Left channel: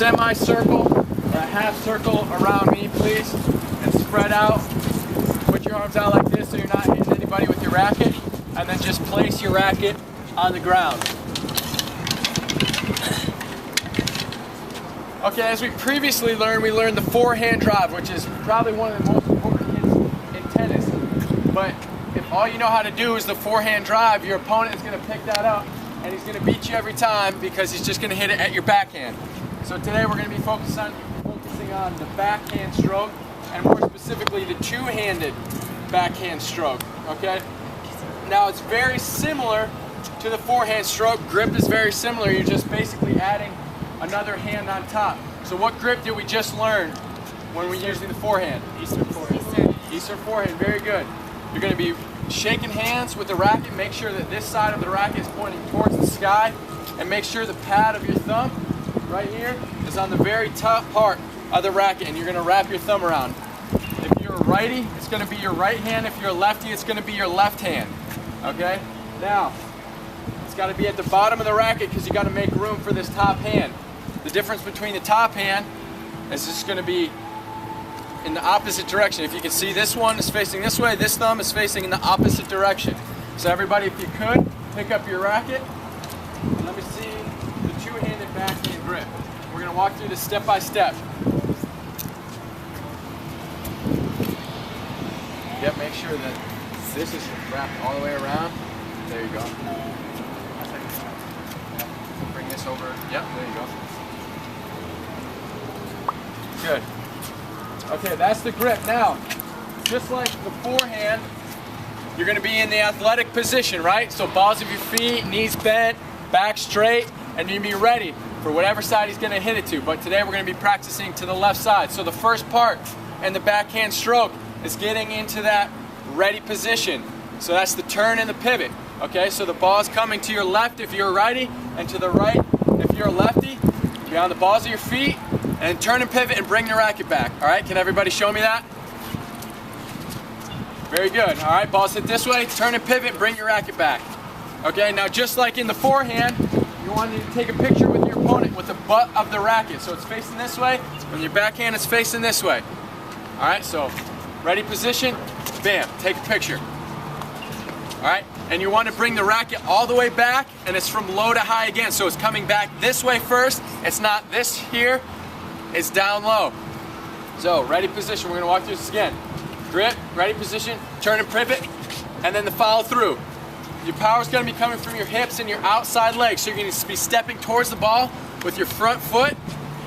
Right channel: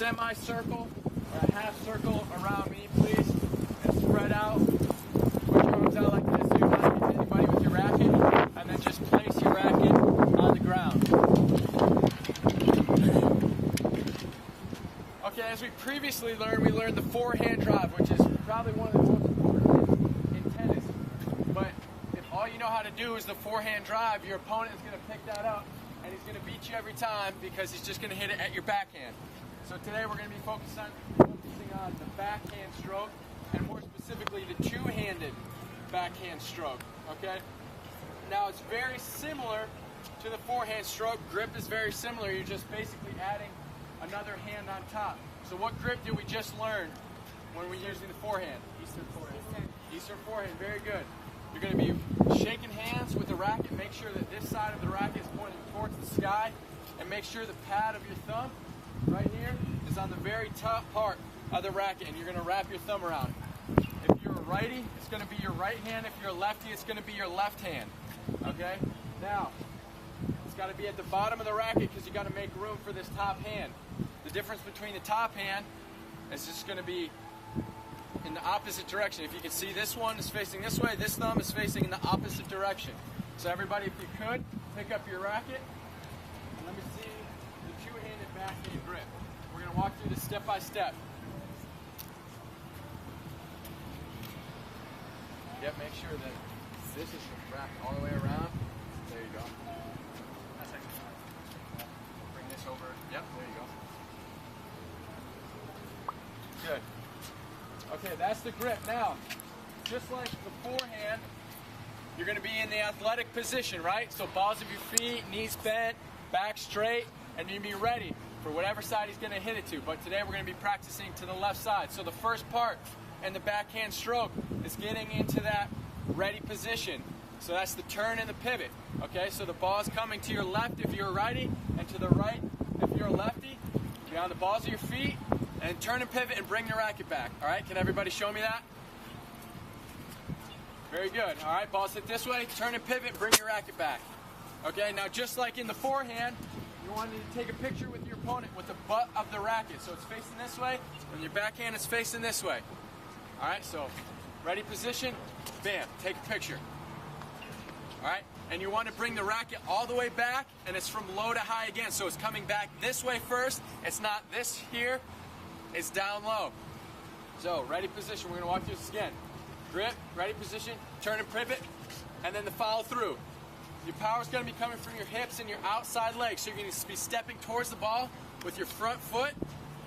semicircle or a half circle around me, please, and spread out. Put your arms out like this so you're not hitting anybody with your racket, and then just place your racket on the ground. Okay, as we previously learned, we learned the forehand drive, which is probably one of the most important hits in tennis. But if all you know how to do is the forehand drive, your opponent is going to pick that up and he's going to beat you every time because he's just going to hit it at your backhand. So today we're going to be focusing on the backhand stroke, and more specifically the two-handed backhand stroke, okay? Now it's very similar to the forehand stroke. Grip is very similar. You're just basically adding another hand on top. So what grip did we just learn when we're using the forehand? Eastern forehand. Eastern forehand, very good. You're going to be shaking hands with the racket. Make sure that this side of the racket is pointing towards the sky, and make sure the pad of your thumb right here is on the very top part of the racket, and you're going to wrap your thumb around. If you're a righty, it's going to be your right hand. If you're a lefty, it's going to be your left hand. Okay? Now, it's got to be at the bottom of the racket because you got to make room for this top hand. The difference between the top hand is just going to be in the opposite direction. If you can see, this one is facing this way, this thumb is facing in the opposite direction. So everybody, if you could, pick up your racket and let me see the two-handed backhand grip. We're going to walk through this step by step. Yep, make sure that this is wrapped all the way around. There you go. Bring this over. Yep, there you go. Good. Okay, that's the grip. Now, just like the forehand, you're going to be in the athletic position, right? So balls of your feet, knees bent, back straight, and you're going to be ready for whatever side he's going to hit it to. But today we're going to be practicing to the left side. So the first part in the backhand stroke is getting into that ready position. So that's the turn and the pivot. Okay, so the ball's coming to your left if you're a righty, and to the right if you're a lefty. Be on the balls of your feet, and turn and pivot and bring the racket back. All right, can everybody show me that? Very good. All right, balls hit this way, turn and pivot, bring your racket back. Okay, now just like in the forehand, you want to take a picture with your opponent with the butt of the racket. So it's facing this way, and your backhand is facing this way. All right, so ready position, bam, take a picture. All right, and you want to bring the racket all the way back, and it's from low to high again. So it's coming back this way first. It's not this here. It's down low. So, ready position. We're going to walk through this again. Grip, ready position, turn and pivot, and then the follow through. Your power is going to be coming from your hips and your outside legs. So you're going to be stepping towards the ball with your front foot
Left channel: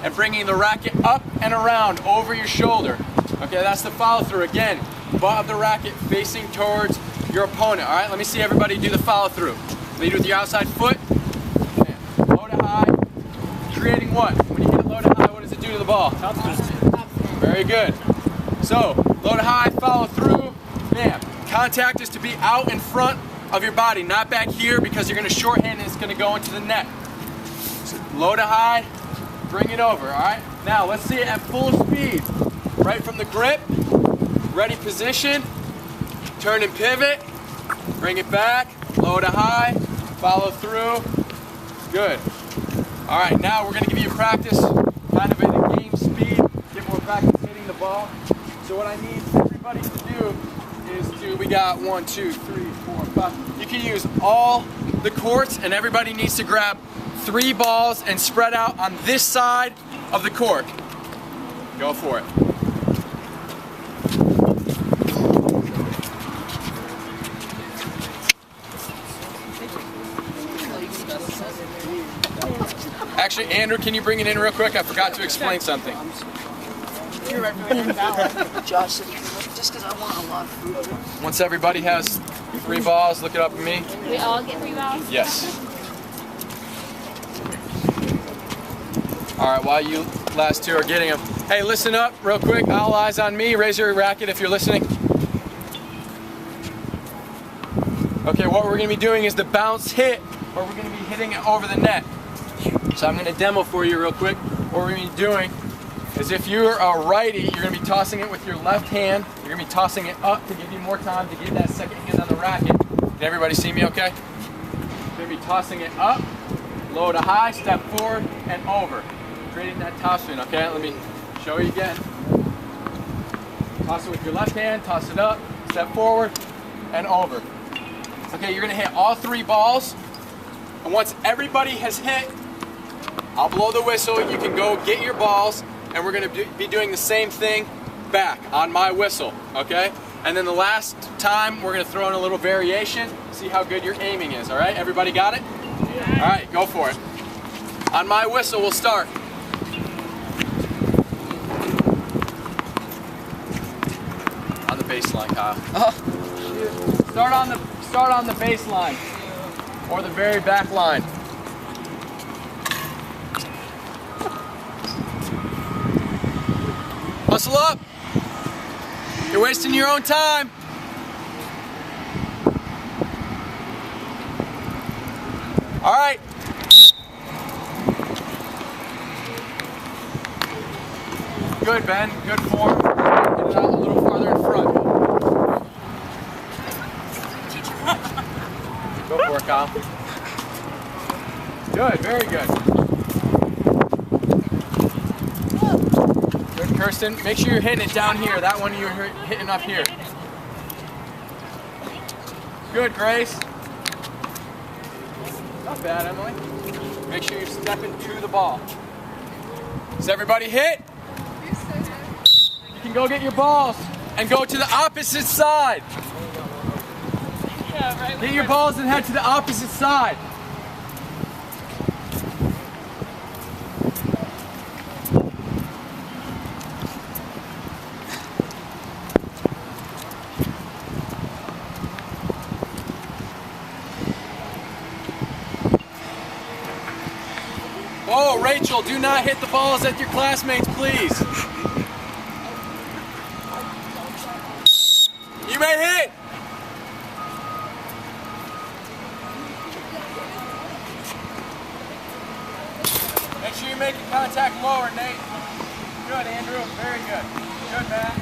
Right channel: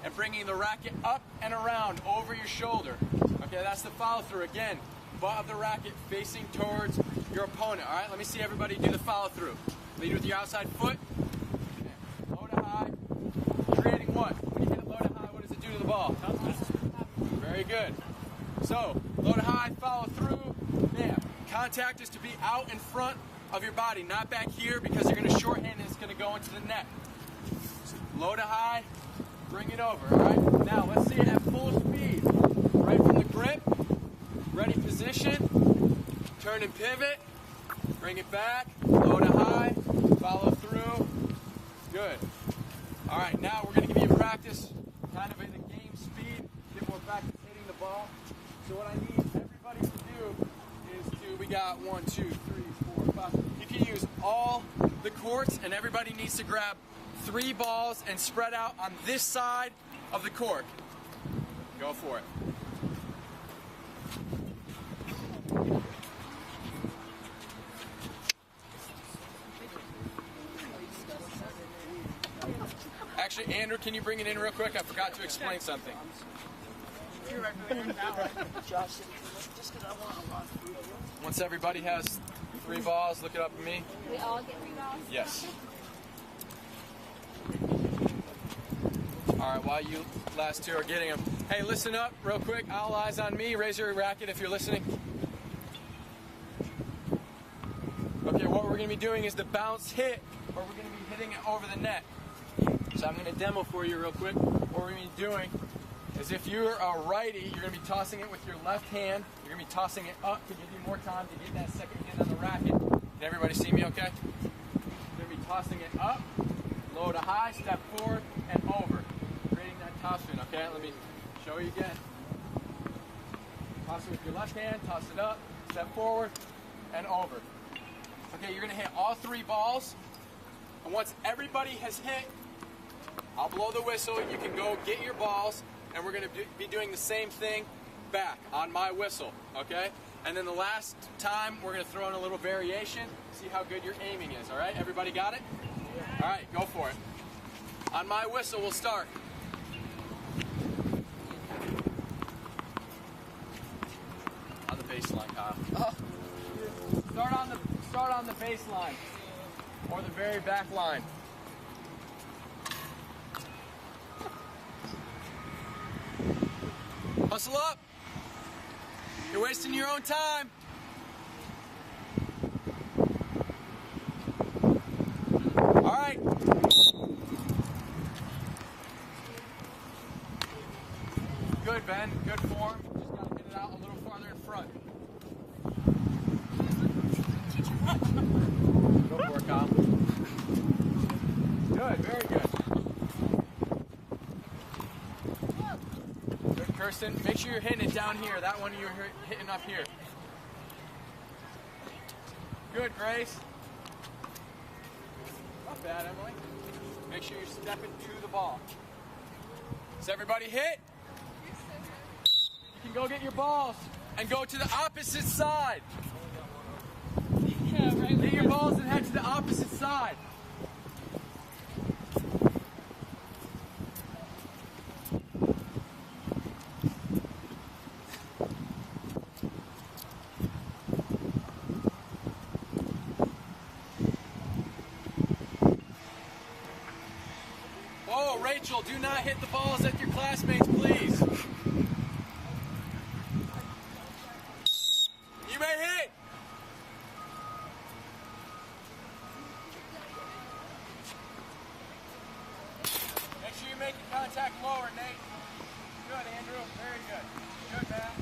and bringing the racket up and around over your shoulder. Okay, that's the follow through. Again, butt of the racket facing towards your opponent. All right, let me see everybody do the follow through. Lead with your outside foot. Low to high. Creating what? When you hit it low to high, what does it do to the ball? Very good. So, low to high, follow through. Bam. Contact is to be out in front of your body, not back here, because you're going to shorthand and it's going to go into the net. So, low to high, bring it over, all right? Now, let's see it at full speed. Right from the grip, ready position, turn and pivot, bring it back, low to high, follow through. Good. All right, now we're going to give you a practice, kind of at a game speed, get more practice hitting the ball. So what I need everybody to do is we got 1, 2, 3, 4, 5. You can use all the courts, and everybody needs to grab 3 balls and spread out on this side of the court. Go for it. Actually, Andrew, can you bring it in real quick? I forgot to explain something. Josh, just because I want a lot of food. Once everybody has 3 balls, look it up at me. We all get 3 balls? Yes. All right, while you last 2 are getting them. Hey, listen up real quick. All eyes on me. Raise your racket if you're listening. Okay, what we're going to be doing is the bounce hit, or we're going to be hitting it over the net. So I'm going to demo for you real quick. What we're going to be doing is if you're a righty, you're going to be tossing it with your left hand. You're going to be tossing it up to give you more time to get that second hand on the racket. Can everybody see me okay? You're going to be tossing it up, low to high, step forward, and over. creating that topspin, okay? Let me show you again. Toss it with your left hand, toss it up, step forward, and over. Okay, you're gonna hit all 3 balls, and once everybody has hit, I'll blow the whistle, you can go get your balls, and we're gonna be doing the same thing back on my whistle, okay? And then the last time, we're gonna throw in a little variation, see how good your aiming is, all right? Everybody got it? Yeah. All right, go for it. On my whistle, we'll start. On the baseline, Kyle. Start on the baseline, or the very back line. Hustle up. You're wasting your own time. All right. Good, Ben. Good form. Get it out a little farther in front. Go for it, Kyle. Good. Very good. Good, Kirsten. Make sure you're hitting it down here. That one you're hitting up here. Good, Grace. Not bad, Emily. Make sure you're stepping to the ball. Does everybody hit? You can go get your balls and go to the opposite side. Yeah, right. Get your balls and head to the opposite side. Oh, Rachel, do not hit the balls at your classmates, please. You may hit. Make sure you're making contact lower, Nate. Good, Andrew. Very good. Good, Matt.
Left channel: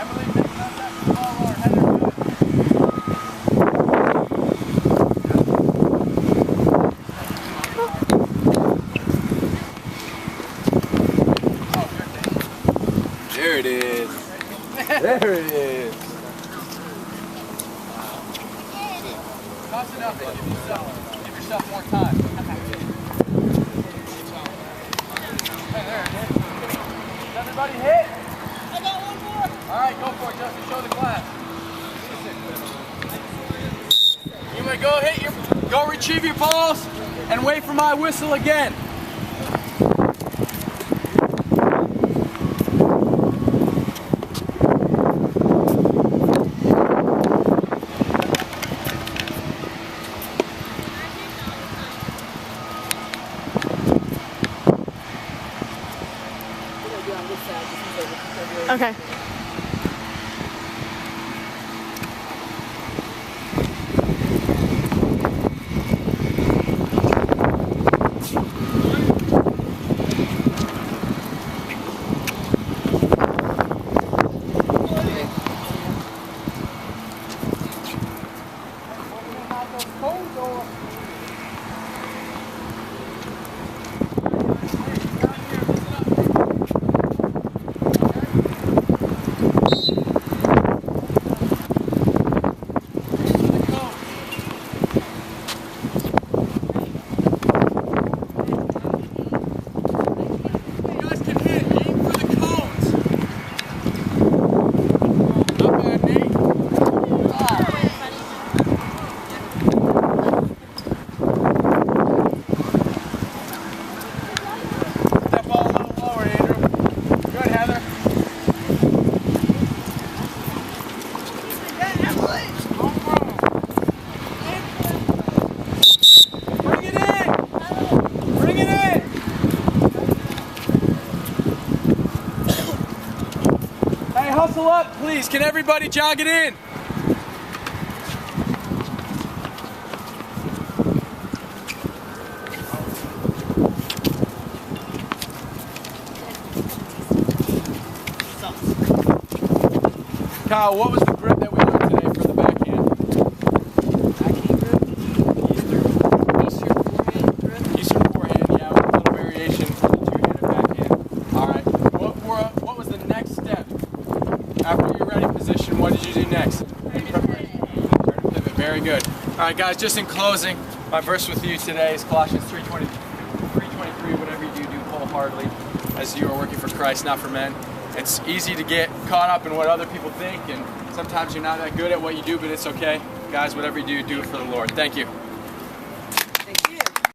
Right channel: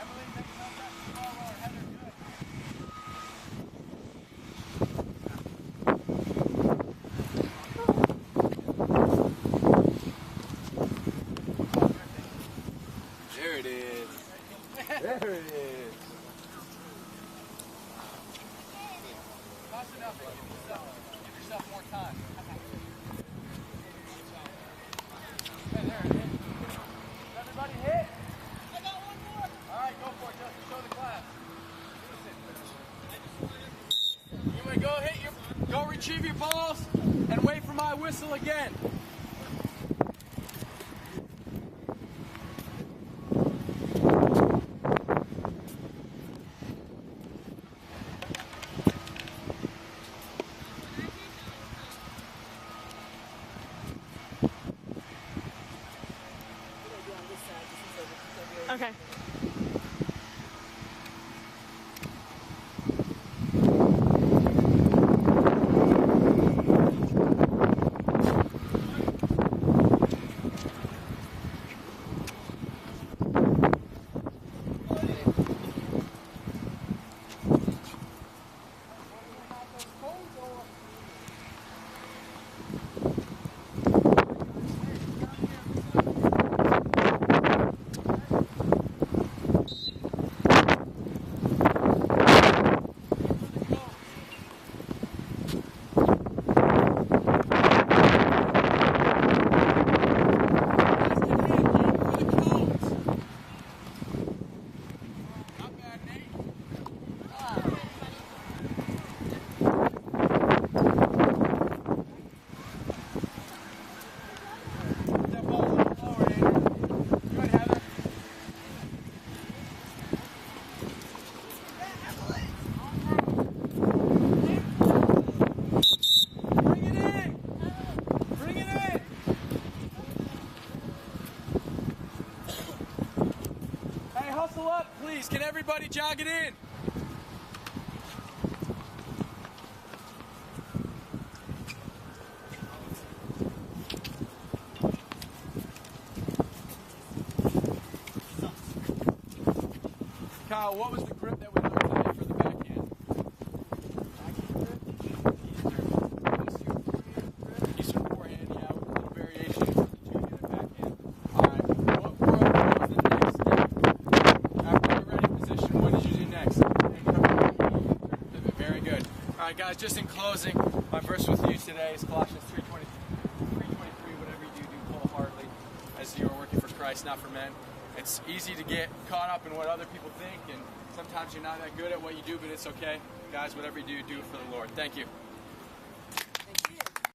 Emily, make contact with the ball lower. Heather, good. There it is. There it is. Toss it up and give yourself more time. Hey, there it is. Does everybody hit? I got one more. All right, go for it, Justin. Show the class. You may go retrieve your balls and wait for my whistle again. Okay. Hustle up, please. Can everybody jog it in? Kyle, what was the grip that we learned today for the backhand? Backhand grip? Eastern forehand grip? Eastern forehand. that position. What did you do next? Turn and pivot. Very good. All right, guys, just in closing, my verse with you today is Colossians 3:23. Whatever you do, do wholeheartedly as you are working for Christ, not for men. It's easy to get caught up in what other people think, and sometimes you're not that good at what you do, but it's okay. Guys, whatever you do, do it for the Lord. Thank you.